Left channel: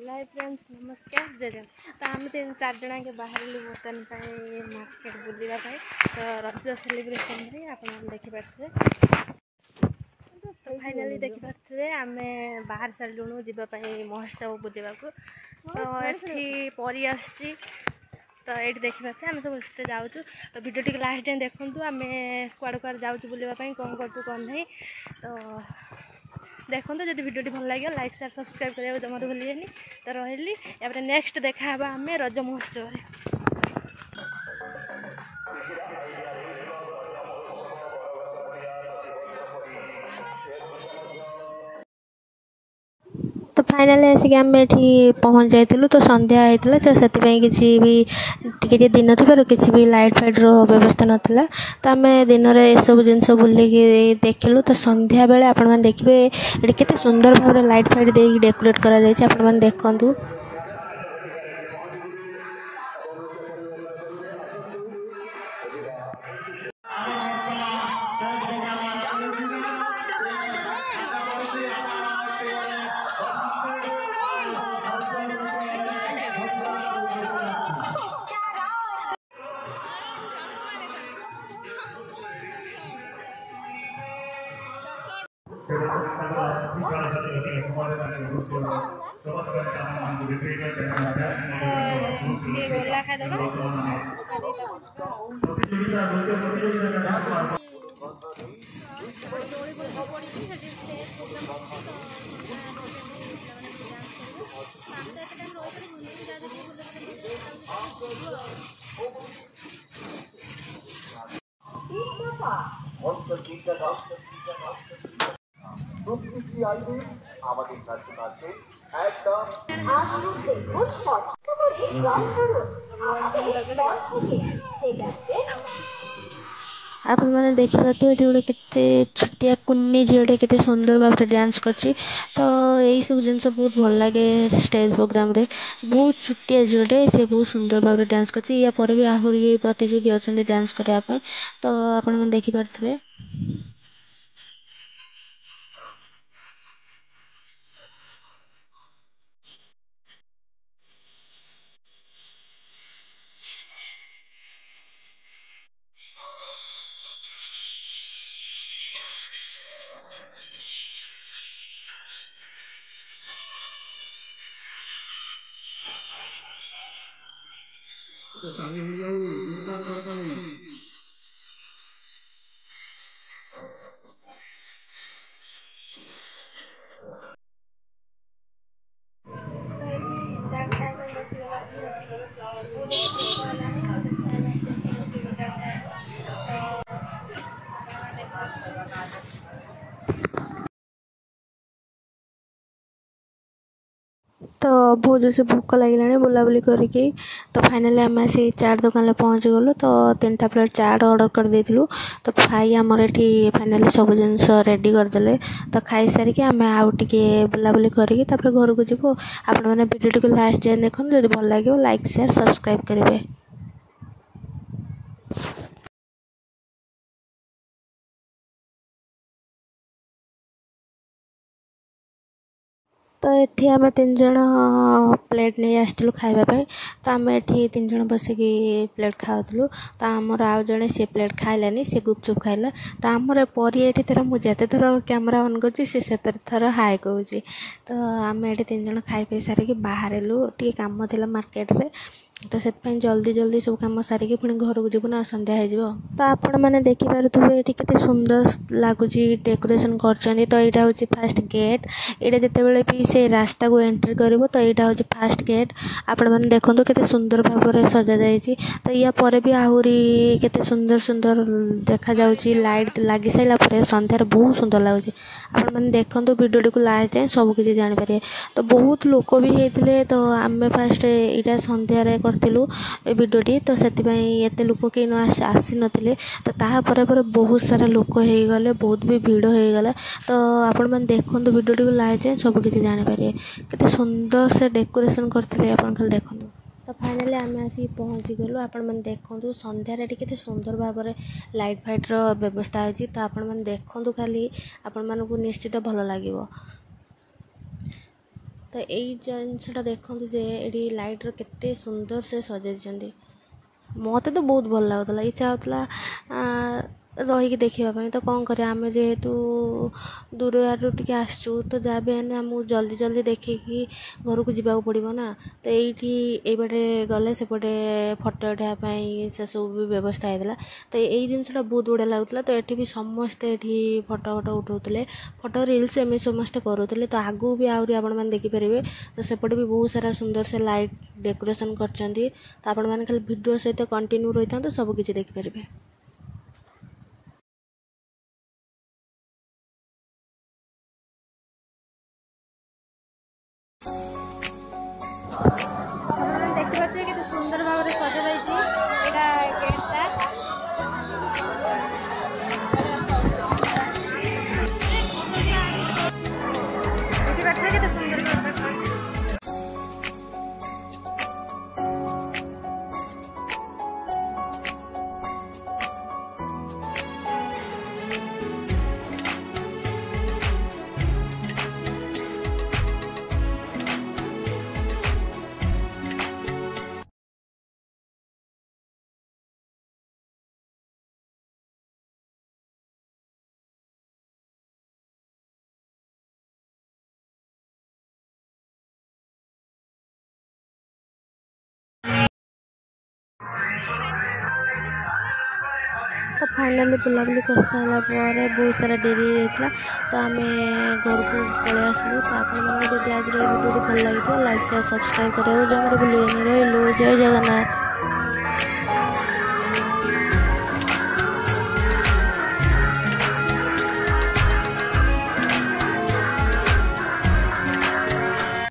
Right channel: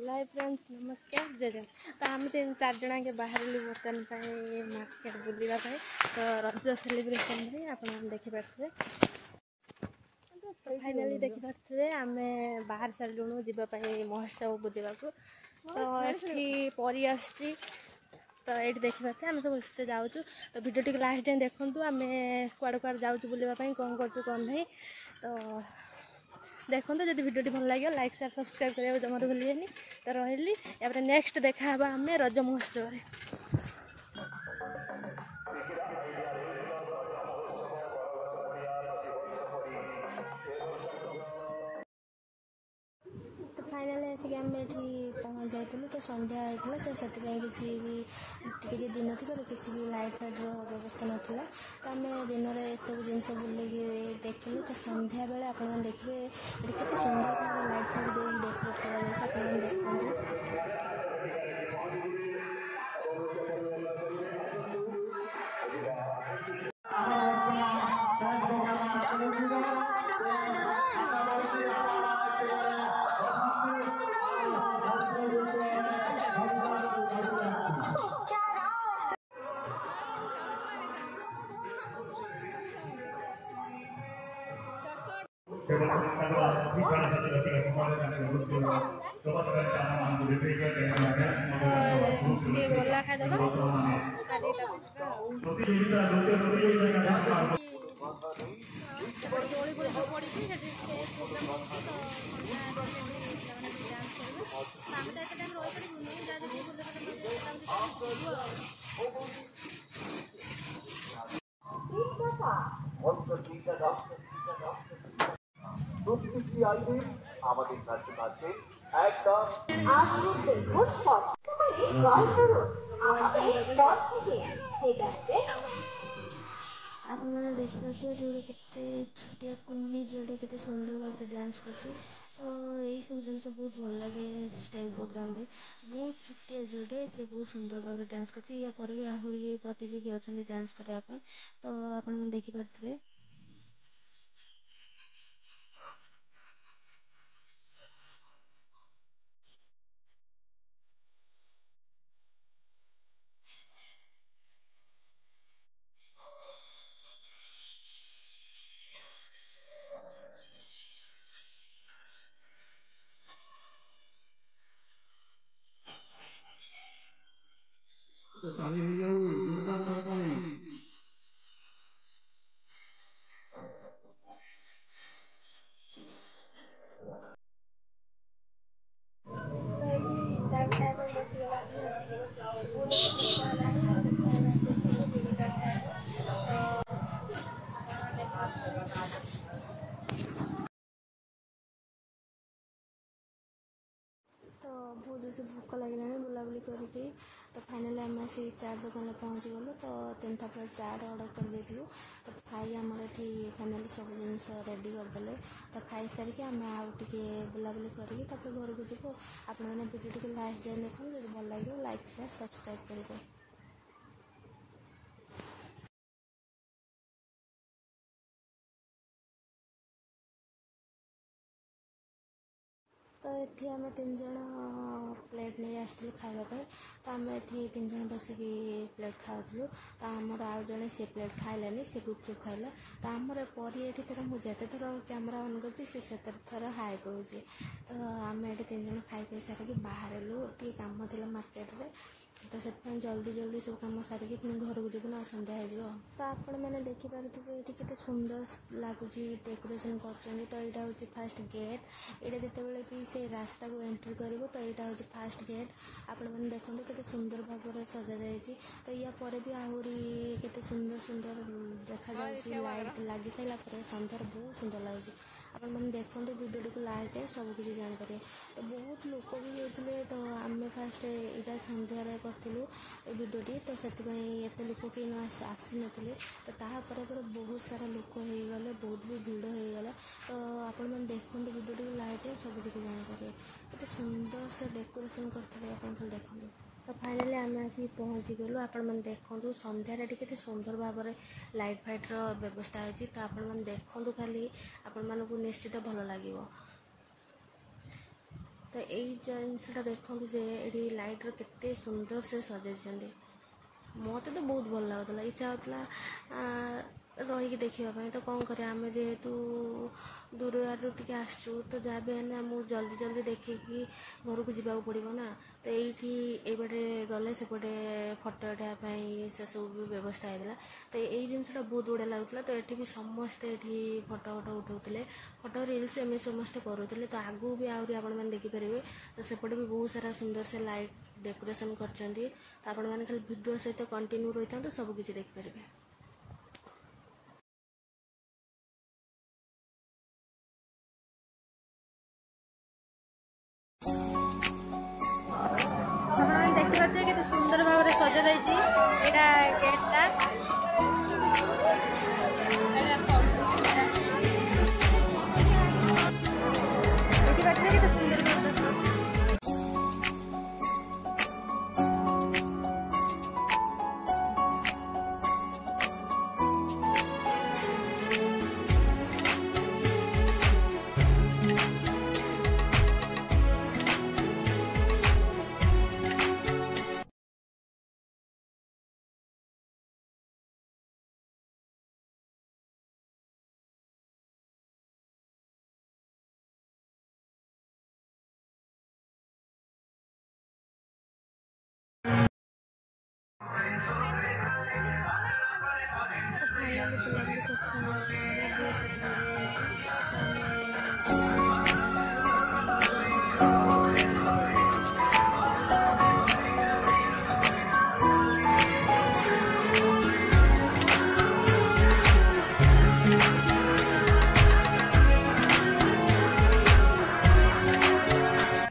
Live friends नमस्कार जय जगन। तो आम 3-4 जना के बाहर बर्तन मार्केट बुलवा तो रज सेलिब्रेशन भी आप देखिपे। तो फाइनाली देखिपे आम बाहर सारूँ जावाई महोत्सव बुलवा को। तो ये परी आसी तो ये देखिपे आम सब इससे जाऊँ। तो वीडियो टी लास्ट टाइम देखूँ आम कुआड़ कुआड़ जाऊँ बुलवाई कौन कर कौन नहीं। तो देखो तो जब वीडियो भल लगे लाइक शेयर सब्सक्राइब करने जमा भूलिए। तो रही या नेक्स्ट देखा आम रज महोत्सव। तो फाइनाली आसिक आम ये पहुँच जाइलु। तो संध्या होता तो से किसी भी टी दिन थी किसी भी लाइट फाइट व्यवस्था नाला। तो आम दिन में यू जिन बुलिकी देखिलु। तो संध्या बेले आपण देखिए ये केते सुंदर भाव लाइट फाइट दे डेकोरेट करा जायछि। आपण देखंतु। गोला खादबा आप मैंने देखिए गोटे केते छुटिया कुन्नी झीटे केते सुंदर भाव डांस करछि। तो यही सब जिन बहुत भल लगे स्टेज प्रोग्राम रे। बहुत छुटिया झीटे से बहुत सुंदर भाव डांस करछि। या पर भी आहरी प्रतियोगी अच्छा डांस करने। तो आपण मैंने देखिपे। तो बहुत जोर से भूख लगे बुलाबुली करके। तो फाइनाली आम आसी चाट दुकान में पहुँच गलु। तो 3टा प्लेट चाट ऑर्डर कर देथिलु। तो भाई आमर ये फाइनाली सब जिनस रेडी करदे। तो खाई सारिकी आम आउ टिके बुलाबुली करके घर को जीवु। आपण मैंने वीडियो टी लास्ट जाए देखो जब भल लगे लाइक शेयर सब्सक्राइब करेंगे। तो ये आम 3 जन प्लेट नहीं आसलु खावाई। तो आम ये 3 जन बसिकी प्लेट खाऊलु। तो आमर आउ जड़े सी प्लेट खाइलानी सी गुपचुप खाइला। तो आमर परी ये थर मुझे थर कैमेरा ऑन कर थर हाय कहूँ। तो आम ये 3 जन खाई पी सारिकी बाहर टे कम थी मार्केट रे। तो से जल्दी जल्दी सब कम सारिकी पुणी घर को जीवन ना संध्या हो। तो आपण मैंने देखिपे ये केते सुंदर लगुच डेकोरेशन कर। तो यहाँ हूँ फास्ट गेट। यहाँ जिते भी से रास्ता को एंट्री करिवो। तो यहाँ हूँ फास्ट गेट। आपण मैंने देखो केते सुंदर भाव में सजा जाइए। तो या पर भी आहरी केते सुंदर सुंदर देखा जाउची। लाइट लगी सारा पर संध्यार बहुत सुंदर लगुच। आपण मैंने देखो वीडियो टी को लास्ट जाए सब किसी जानीपर। तो बहुत लोक भी होते। तो आम फास्ट यहाँ संध्यार करूँ वीडियो टी। तो से एत लोक कहीं आसी नथिले। तो तापर बहुत सारा लोक हो गले बहुत भी भीड़ हो गला। तो आपण मैंने देखो वीडियो टी को लास्ट जाए सब किसी जानीपर केते सुंदर से डेकोरेशन करते आप खाली देखो। तो फाइनाली आम आसिक पहुँची गलु। आपण मैंने देखो संध्यारे केते सुंदर भाव में लाइट फाइट व्यवस्था होती। तो आपण मैंने देखो खाली आपण मानक निश्चित भल लगे। तो यही जिनटा देखूँ जे ये लाइट्र केते सुंदर से सजाई मत तो बहुत भल लगुला इच्छा होता रहीकि देखापी तो कौन कर आम जेहेतु दूर आड़ टे आसचु तो जहाँ भी आमको जल्दी जल्दी देखिकी घर को जावाक पड़ो ना तो ये बाटे गले सेपटे फटो उठाई से सब भी व्यवस्था होता तो यही जिनटा बहुत बढ़िया लगुला तो ये भी समस्ते ये फटो फटो उठाते फटो रिल्स एम समस्ते करूँ तो आगू भी आहरी आपण देखिपारे तो सेपटे भी बहुत सारा सुंदर से लाइट डेकोरेशन कर आपण मैंने खाली वीडियो सहित कंटिन्यू रही था तो सबकि देखिपारे। देखिए केते सुंदर भाव में सजा जाइए गेटा केते सुंदर भाव तो फाइनाली बुलाबुली कर सारा बहुत सारा डेरी होता तो आम घर को पलि आसलु तो आप आज वीडियो भल लगे लाइक शेयर सब्सक्राइब करें जमार भूल जय जगन्नाथ।